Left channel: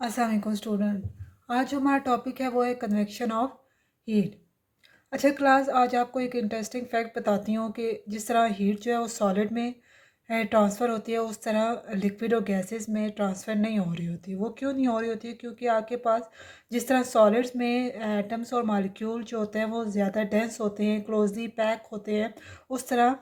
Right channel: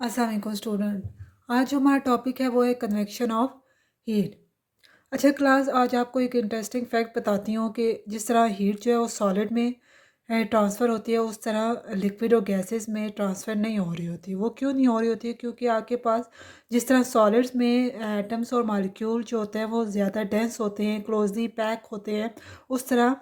अस्सलाम वालेकुम स्टूडेंट। आज जो हमारा टॉपिक है वो है कन्वेक्शन ऑफ हीट। अच्छा क्लास, आज आपको एक इंटरेस्टिंग फैक्ट बताती हूँ कि जिस तरह हीट जो है वो सॉलिड में ट्रांसफ़र होती है, उस तरह लिक्विड और गैसेस में ट्रांसफ़र नहीं हो रही होती। वो क्यों नहीं हो रही होती है? क्योंकि आपके पास जिस तरह सॉलिड्स में एटम्स और मालिक्यूल जो होते हैं वो ज़्यादा डेंस होते हैं, क्लोजली पैक होते हैं, उस तरह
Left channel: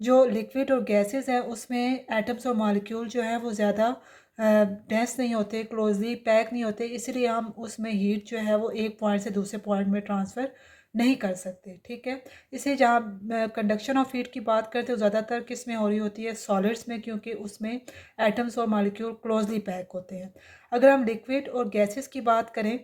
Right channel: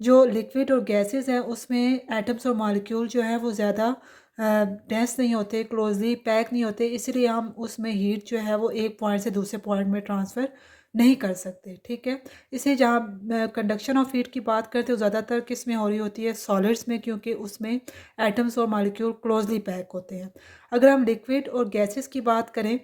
जो लिक्विड और गैसेस हैं उसमें एटम्स और मालिक्यूल जो है वो ज़्यादा डेंस नहीं होते, क्लोजली पैक नहीं होते, इसलिए हम उसमें हीट जो है वो एक पॉइंट से दूसरे पॉइंट में ट्रांसफ़र नहीं कर सकते। ठीक है, इसलिए जहाँ कंडक्शन ऑफ हीट की बात करते हो ज़्यादातर किस में हो रही होती है? सॉलिड्स में, क्योंकि उसमें एटम्स और मालिक्यूल क्लोजली पैक होते हैं। अगर हम लिक्विड और गैसेस की बात करें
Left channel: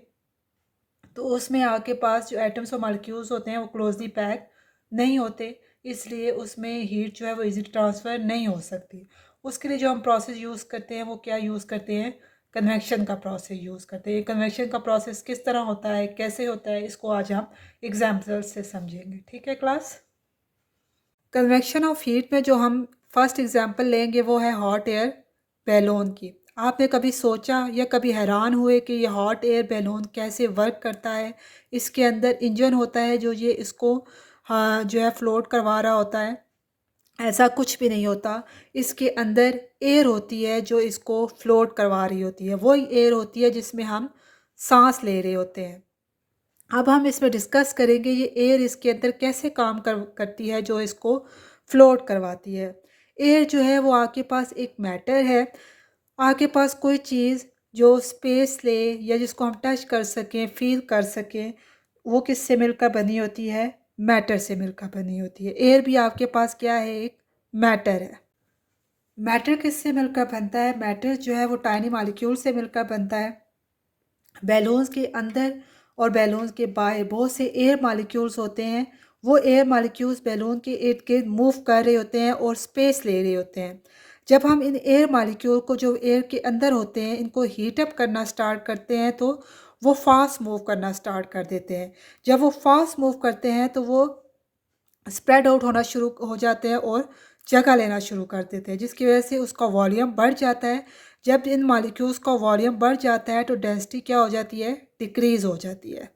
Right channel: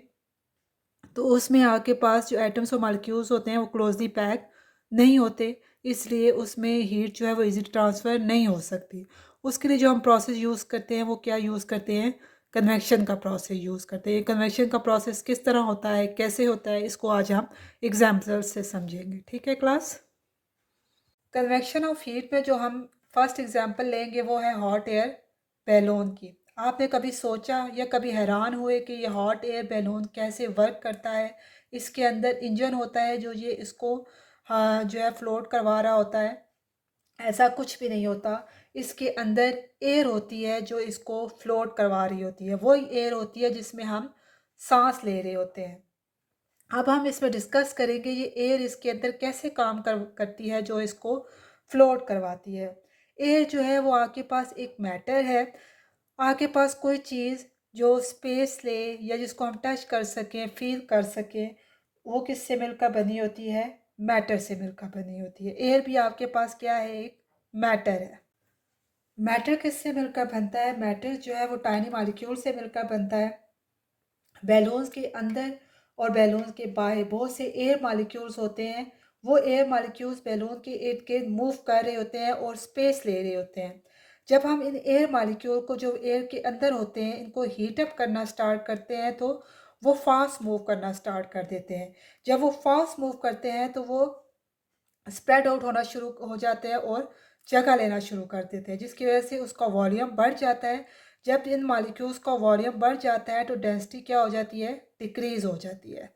तो उसमें आपके पास जो एटम्स और मालिक्यूल्स होते हैं वो क्लोजली पैक नहीं होते, इसलिए उसमें हीट जो है वो इजीली ट्रांसफ़र नहीं हो सकती। उसके लिए जो हम प्रोसेस यूज़ करते हैं वो क्या यूज़ करते हैं? कन्वेक्शन का प्रोसेस यूज़ करते हैं। कन्वेक्शन का प्रोसेस किस तरह होता है, कैसे होता है, इसको आज हम एग्जाम्पल से समझेंगे। ठीक है क्लास। कन्वेक्शन ऑफ हीट में जो हम फर्स्ट एग्जांपल लेंगे वो है हॉट एयर बैलून की। आपने कभी सोचा या कभी हैरान हुए कि ये हॉट एयर बैलून कैसे वर्क करता है? इसके अंदर इंजन होता है जो ये इसको जो है फ्लोट करवा रहा होता है। ऐसा कुछ भी नहीं होता। इसके अंदर एयर होती है जो इसको फ्लोट करवा रही होती है, वही एयर होती है जिसमें हम सांस ले रहे होते हैं। अब हम इसमें डिस्कस करेंगे ये एयर इसके अंदर कैसे काम करती है जो इसको फ्लोट करवाती है। एयर जो है वो आपके पास एक मैटर है। आपके पास कोई चीज़ जो स्पेस ले या जिसको हम टच कर सकें, फील कर सकें, वो किससे मिलकर बनी होती है? मैटर से मिलकर बनी होती है। एयर भी आपके पास क्या है? एक मैटर है। मैटर किससे मिलकर बनता है? मैटर जो है वो टाइनी मॉलिक्यूल से मिलकर बनता है। बैलून्स के अंदर और बैलून्स के बाहर बहुत से एयर मॉलिक्यूल्स होते हैं। वो एयर मॉलिक्यूल्स बैलून के इर्द गिर्द मूव कर रहे होते हैं और स्पेस ले रहे होते हैं। जब हम इन एयर मॉलिक्यूल को जो एयर के अंदर होते हैं इनको हीट अप करना स्टार्ट करते हैं तो वो फास्ट मूव करना स्टार्ट कर देते हैं। जब वो फास्ट मूव करते हैं तो वो स्प्रेड आउट होना शुरू हो जाते हैं और जगह लेना शुरू कर देते हैं, जिसकी वजह से उसका वॉल्यूम बढ़ जाता है। जब इन मॉलिक्यूल्स का वॉल्यूम बढ़ जाता है तो डेंसिटी क्या हो जाती है? डिक्रीज हो जाती है।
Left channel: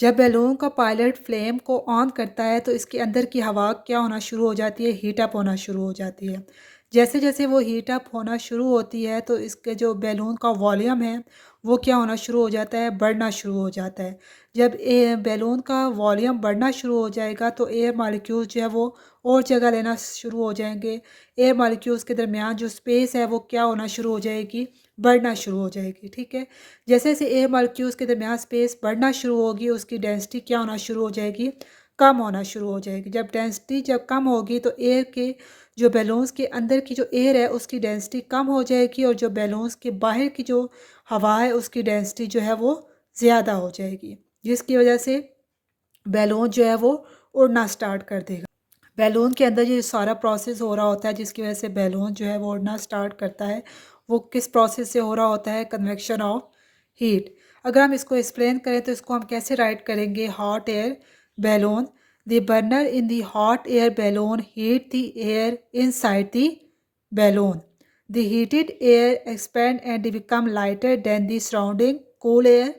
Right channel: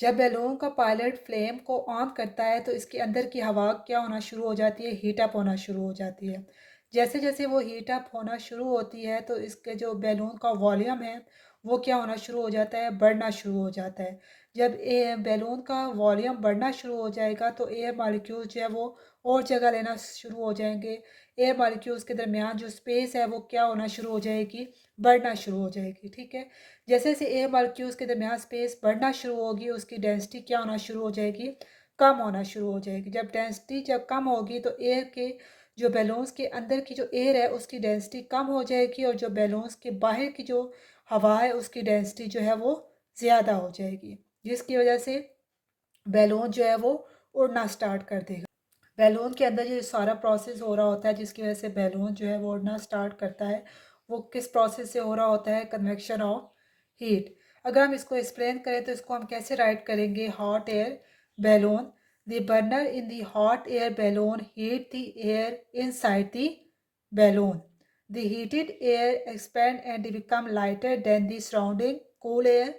जब बैलून का पायलट फ्लेम को ऑन करता है तो इसके अंदर की हवा क्या होना शुरू हो जाती है? हीट अप होना शुरू हो जाती है। जैसे जैसे वो हीट अप होना शुरू होती है तो इसके जो बैलून का वॉल्यूम है वो क्या होना शुरू हो जाता है? बढ़ना शुरू हो जाता है। जब बैलून का वॉल्यूम बढ़ना शुरू हो जाएगा तो एयर मालिक्यूल्स जो है वो और जगह लेना शुरू हो जाएंगे। एयर मालिक्यूल्स के दरमियान जो स्पेस है वो क्या होना शुरू हो जाएगी? बढ़ना शुरू हो जाएगी। ठीक है, जैसे जैसे एयर मॉलिक्यूल्स के दरमियान स्पेस बढ़ना शुरू होगी उसकी डेंसिटी क्या होना शुरू हो जाएगी? कम होना शुरू हो जाएगी। जब डेंसिटी जब कम होगी तो एयर के जो बैलून्स के अंदर की जो एयर है उसकी डेंसिटी कम हो जाएगी और जो बैलून्स के बाहर की जो हवा है उसकी डेंसिटी जो है वो ज़्यादा हो जाएगी, जिसकी वजह से बैलून जो है वो उड़ना स्टार्ट कर देगा। बैलून के अंदर ये सारा प्रोसेस हो रहा होता है जिसकी वजह से बैलून जो है वो उड़ना स्टार्ट करता है। वो किस प्रोसेस से हो रहा होता है? Convection of heat. अगर हम इसको एक्सप्लेन करें तो इसको हम कैसे राइट करेंगे? Hot air balloon, the burner in the hot air balloon heat the air inside the balloon, the heated air expand and become lighter than the surrounding cool air,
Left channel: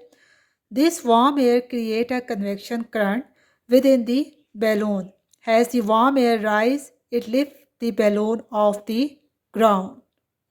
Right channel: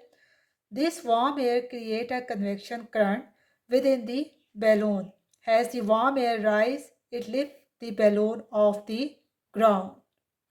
this warm air create a convection current within the balloon. As the warm air rise, it lifts the balloon off the ground.